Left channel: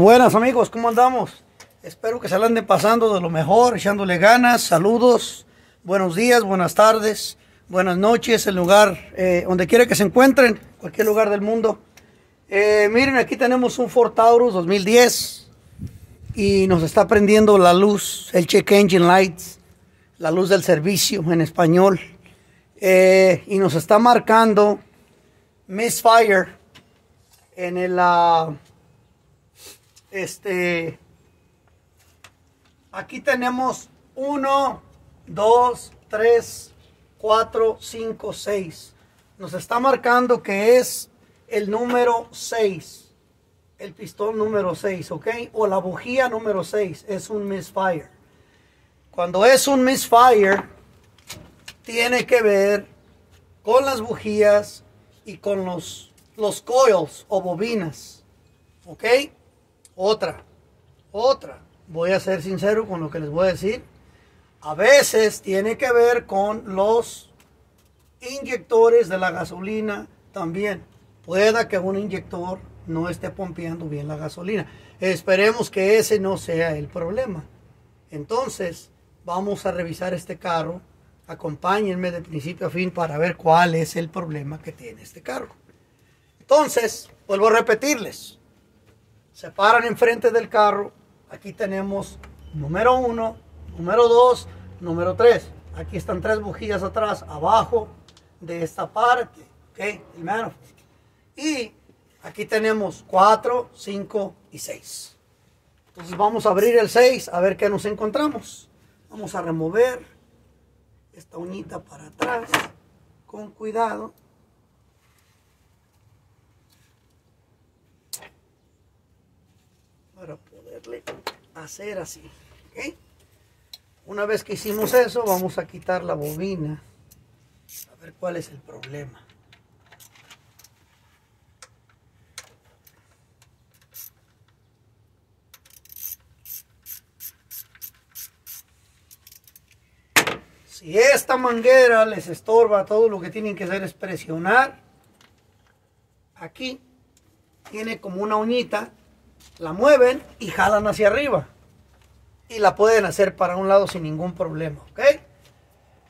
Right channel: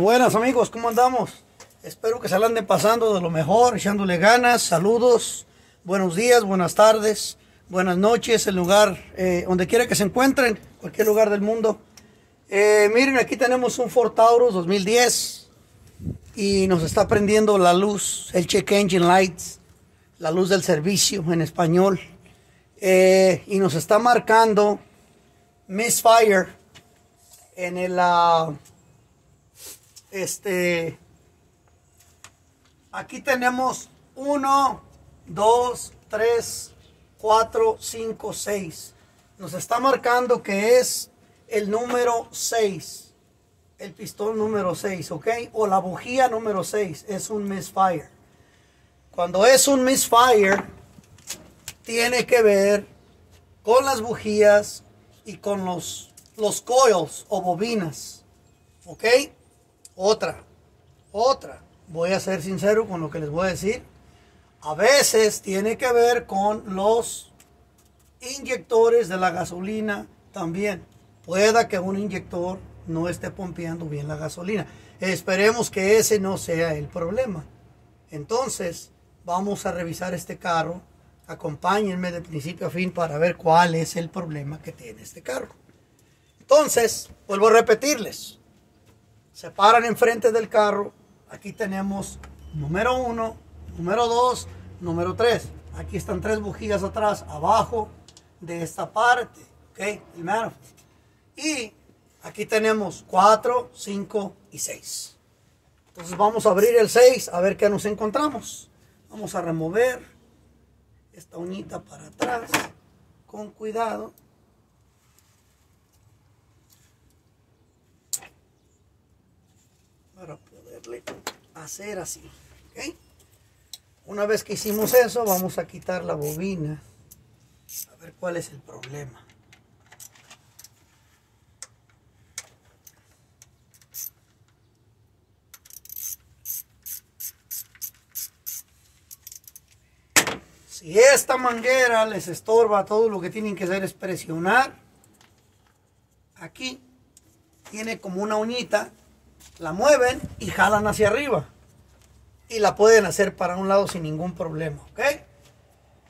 Buenas amigos, ¿cómo andamos? Espero que se la anden pasando de lo mejor, echándole ganas, saludos, buenos días, buenas tardes, buenas noches, el lugar, donde quiera que se encuentren, cualquier lugar del mundo. Miren, aquí tenemos un Ford Taurus 2010 y nos está prendiendo la luz, el check engine lights, la luz del servicio en español, y nos está marcando misfire en el aquí tenemos 1, 2, 3, 4, 5, 6. Nos está marcando que es el número 6, el pistón número 6, ¿ok? O la bujía número 6, es un misfire. Cuando es un misfire, tiene que ver con las bujías y con los coils o bobinas, ¿ok? Otra, voy a ser sincero con lo que les voy a decir. A veces tiene que ver con los inyectores de la gasolina también. Pueda que un inyector no esté pompeando bien la gasolina. Esperemos que ese no sea el problema. Entonces, vamos a revisar este carro. Acompáñenme de principio a fin para ver cuál es el problema que tiene este carro. Entonces, vuelvo a repetirles. Se paran enfrente del carro. Aquí tenemos número 1, número 2, número 3. Aquí están 3 bujías atrás, abajo de esta parte. ¿Ok? El manifold. Y aquí tenemos 4, 5 y 6. Entonces vamos a abrir el 6 a ver qué nos encontramos. Vamos a remover esta uñita para atrás con cuidado. Para poderle hacer así, ¿ok? Una vez que hicimos eso, vamos a quitar la bobina, a ver cuál es el problema. Si esta manguera les estorba, todo lo que tienen que hacer es presionar. Aquí tiene como una uñita. La mueven y jalan hacia arriba. Y la pueden hacer para un lado sin ningún problema, ¿ok?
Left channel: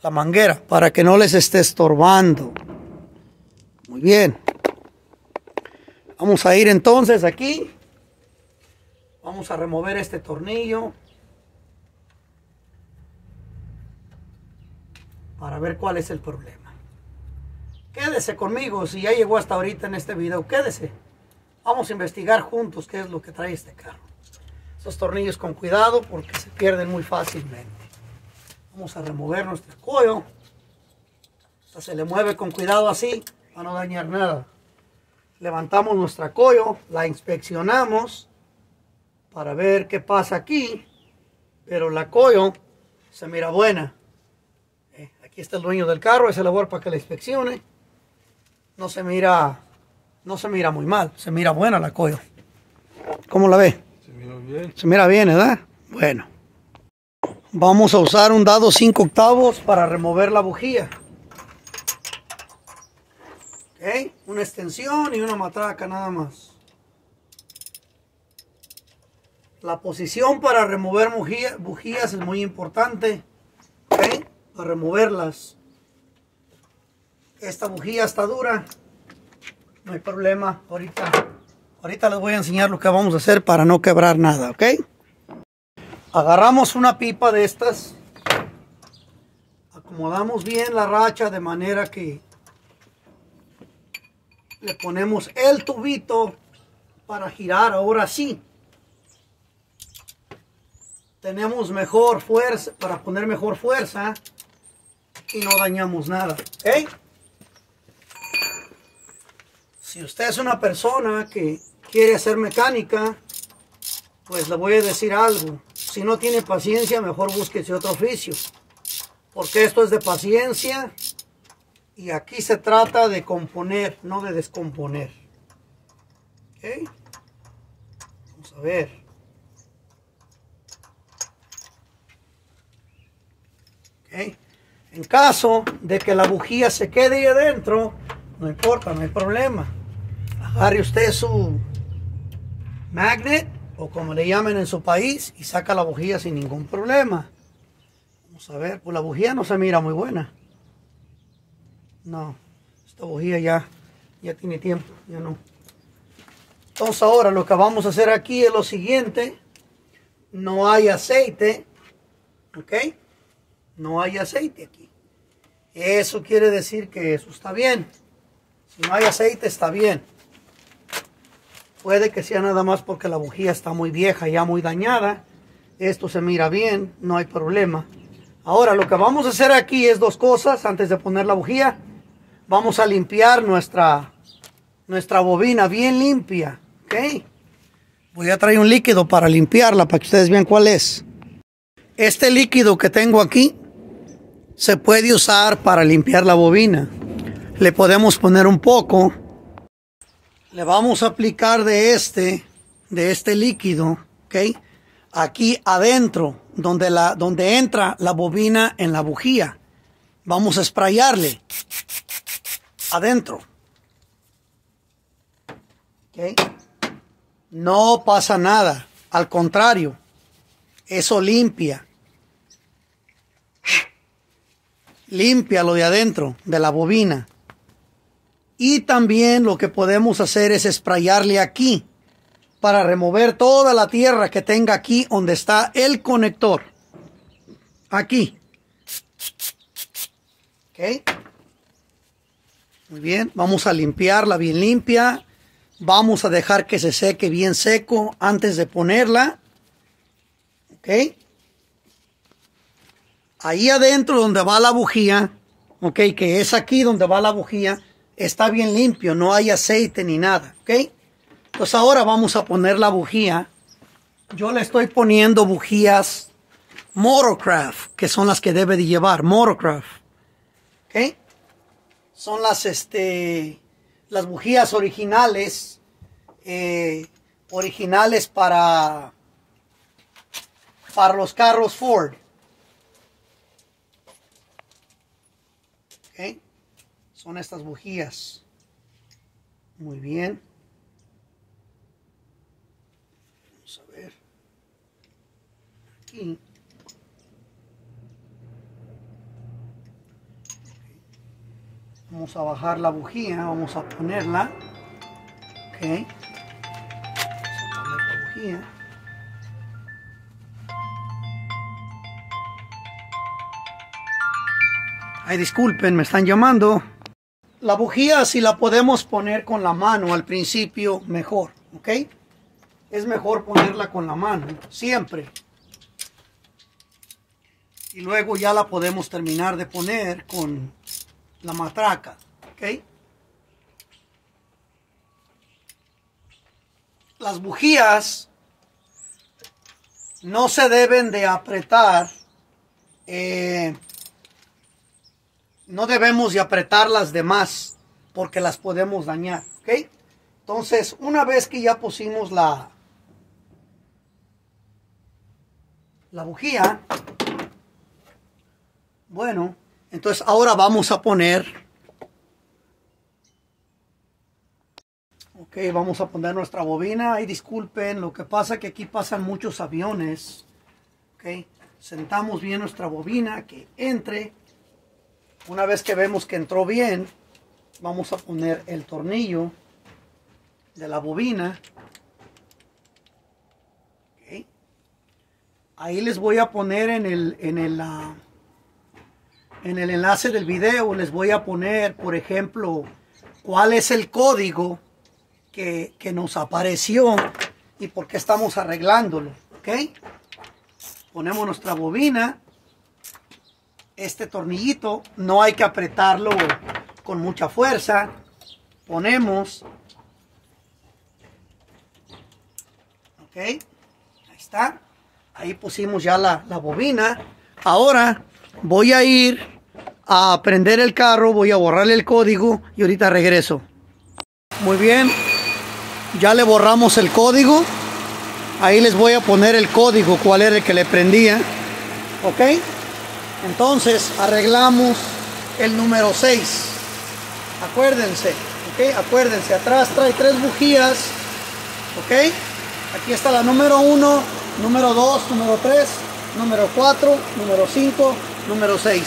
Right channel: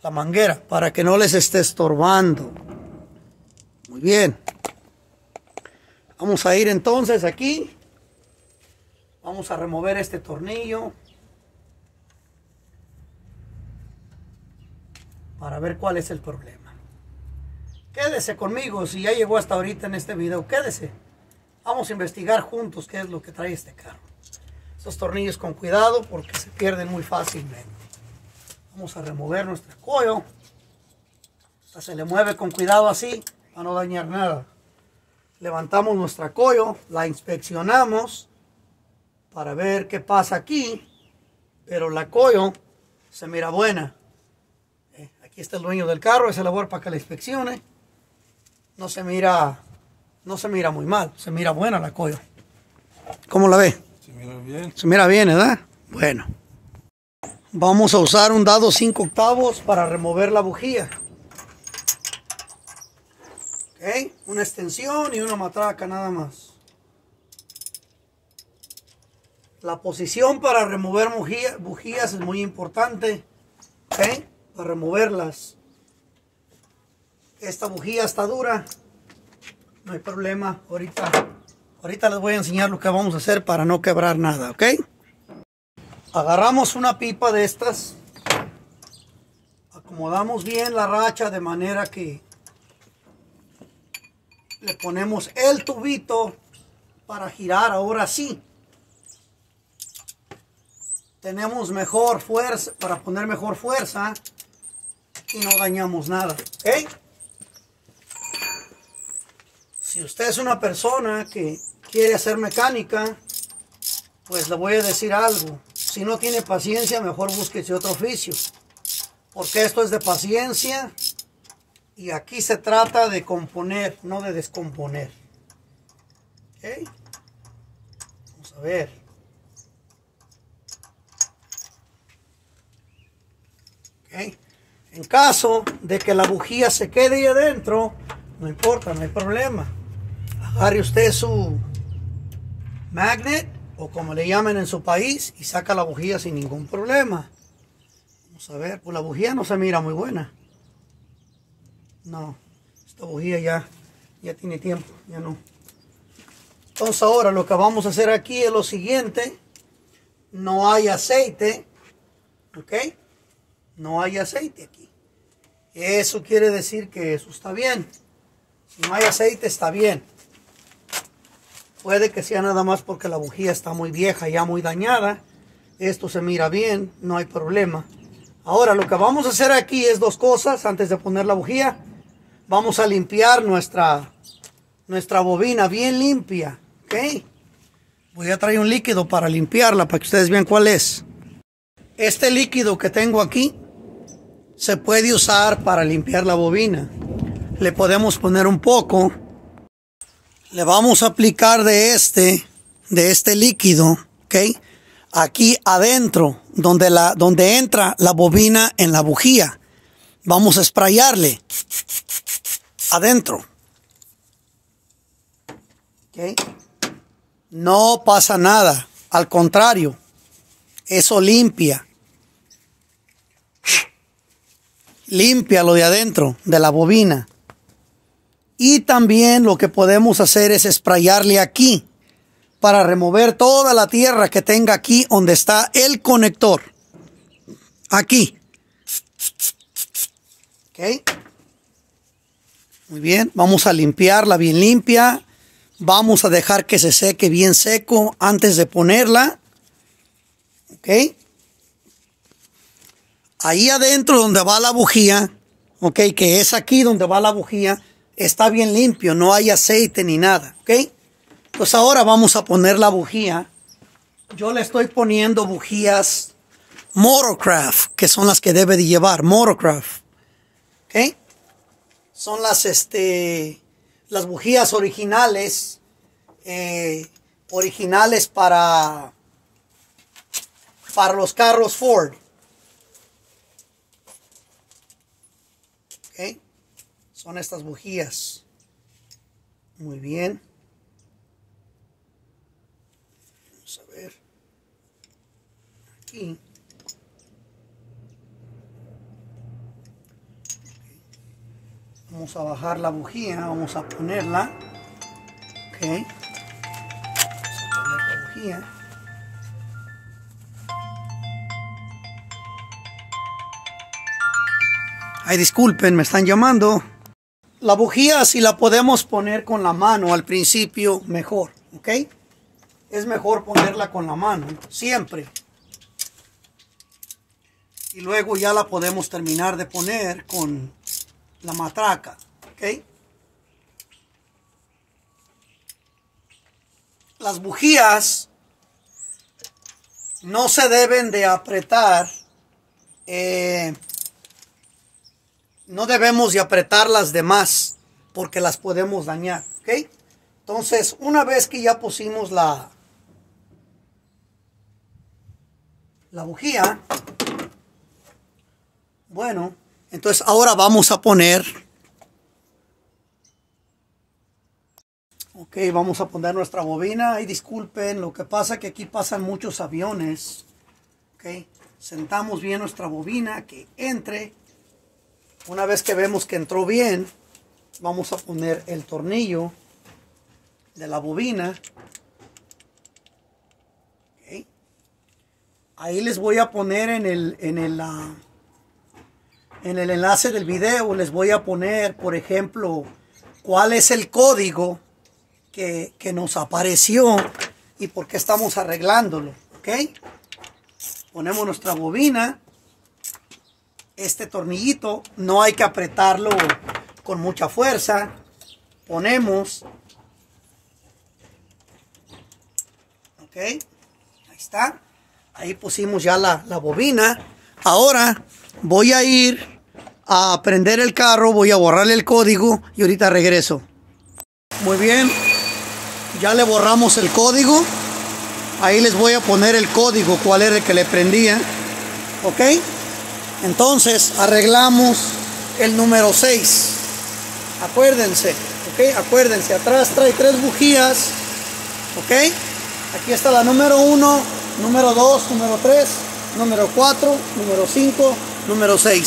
La manguera, para que no les esté estorbando. Muy bien. Vamos a ir entonces aquí. Vamos a remover este tornillo. Para ver cuál es el problema. Quédese conmigo, si ya llegó hasta ahorita en este video, quédese. Vamos a investigar juntos qué es lo que trae este carro. Estos tornillos con cuidado porque se pierden muy fácilmente. Vamos a remover nuestra coil. Esta se le mueve con cuidado así para no dañar nada. Levantamos nuestra coil, la inspeccionamos para ver qué pasa aquí. Pero la coil se mira buena. Aquí está el dueño del carro, ese labor para que la inspeccione. No se mira muy mal, se mira buena la coil. ¿Cómo la ve? Se mira bien. Se mira bien, ¿verdad? Bueno. Vamos a usar un dado 5/8 para remover la bujía. ¿Ok? Una extensión y una matraca nada más. La posición para remover bujías es muy importante. ¿Ok? Para removerlas. Esta bujía está dura. No hay problema, ahorita les voy a enseñar lo que vamos a hacer para no quebrar nada, ¿ok? Agarramos una pipa de estas, acomodamos bien la racha de manera que le ponemos el tubito para girar, ahora sí. Tenemos mejor fuerza, para poner mejor fuerza y no dañamos nada, ¿ok? Si usted es una persona que quiere hacer mecánica, pues le voy a decir algo. Si no tiene paciencia, mejor búsquese otro oficio. Porque esto es de paciencia y aquí se trata de componer, no de descomponer. ¿Ok? Vamos a ver. ¿Ok? En caso de que la bujía se quede ahí adentro, no importa, no hay problema. Agarre usted su magnet o como le llamen en su país, y saca la bujía sin ningún problema. Vamos a ver, pues la bujía no se mira muy buena. No, esta bujía ya tiene tiempo, ya no. Entonces ahora lo que vamos a hacer aquí es lo siguiente. No hay aceite, ¿ok? No hay aceite aquí. Eso quiere decir que eso está bien. Si no hay aceite está bien. Puede que sea nada más porque la bujía está muy vieja, ya muy dañada. Esto se mira bien, no hay problema. Ahora lo que vamos a hacer aquí es dos cosas antes de poner la bujía. Vamos a limpiar nuestra bobina bien limpia, ¿ok? Voy a traer un líquido para limpiarla para que ustedes vean cuál es. Este líquido que tengo aquí se puede usar para limpiar la bobina. Le podemos poner un poco. Le vamos a aplicar de este líquido, ¿ok? Aquí adentro, donde entra la bobina en la bujía. Vamos a sprayarle adentro. ¿Ok? No pasa nada. Al contrario, eso limpia. Limpia lo de adentro, de la bobina. Y también lo que podemos hacer es sprayarle aquí para remover toda la tierra que tenga aquí donde está el conector. Aquí. ¿Ok? Muy bien, vamos a limpiarla bien limpia. Vamos a dejar que se seque bien seco antes de ponerla. ¿Ok? Ahí adentro donde va la bujía, ¿ok? Que es aquí donde va la bujía, está bien limpio, no hay aceite ni nada, ¿ok? Pues ahora vamos a poner la bujía. Yo le estoy poniendo bujías Motorcraft, que son las que debe de llevar, Motorcraft, ¿ok? Son las bujías originales, para los carros Ford. ¿Ok? Son estas bujías. Muy bien. Vamos a ver. Aquí. Vamos a bajar la bujía, vamos a ponerla. Ok. Vamos a poner la bujía. Ay, disculpen, me están llamando. La bujía, si la podemos poner con la mano al principio, mejor, ¿ok? Es mejor ponerla con la mano, siempre. Y luego ya la podemos terminar de poner con la matraca, ¿ok? Las bujías no se deben de apretar. No debemos de apretarlas de más porque las podemos dañar, ¿ok? Entonces, una vez que ya pusimos la bujía, bueno, entonces ahora vamos a poner, ok, vamos a poner nuestra bobina. Ay, disculpen, lo que pasa que aquí pasan muchos aviones, ok. Sentamos bien nuestra bobina, que entre. Una vez que vemos que entró bien, vamos a poner el tornillo de la bobina. Okay. Ahí les voy a poner en el enlace del video, les voy a poner, por ejemplo, cuál es el código que nos apareció y por qué estamos arreglándolo. ¿Okay? Ponemos nuestra bobina. Este tornillito no hay que apretarlo con mucha fuerza. Ponemos. Ok. Ahí está. Ahí pusimos ya la bobina. Ahora voy a ir a prender el carro. Voy a borrarle el código y ahorita regreso. Muy bien. Ya le borramos el código. Ahí les voy a poner el código. Cuál era el que le prendía. Ok. Entonces arreglamos el número 6. Acuérdense, ¿ok? Acuérdense, atrás trae 3 bujías, ¿ok? Aquí está la número 1, número 2, número 3, número 4, número 5, número 6.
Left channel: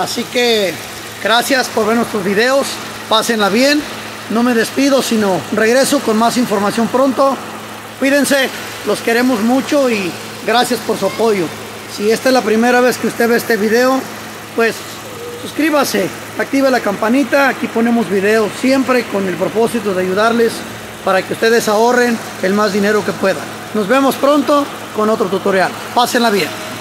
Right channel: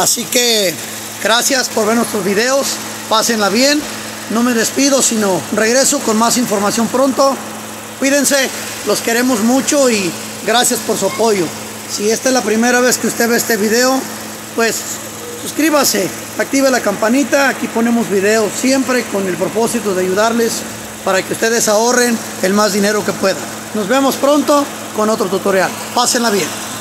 Así que gracias por ver nuestros videos. Pásenla bien. No me despido, sino regreso con más información pronto. Cuídense, los queremos mucho y gracias por su apoyo. Si esta es la primera vez que usted ve este video, pues suscríbase, active la campanita. Aquí ponemos videos siempre con el propósito de ayudarles para que ustedes ahorren el más dinero que puedan. Nos vemos pronto con otro tutorial. Pásenla bien.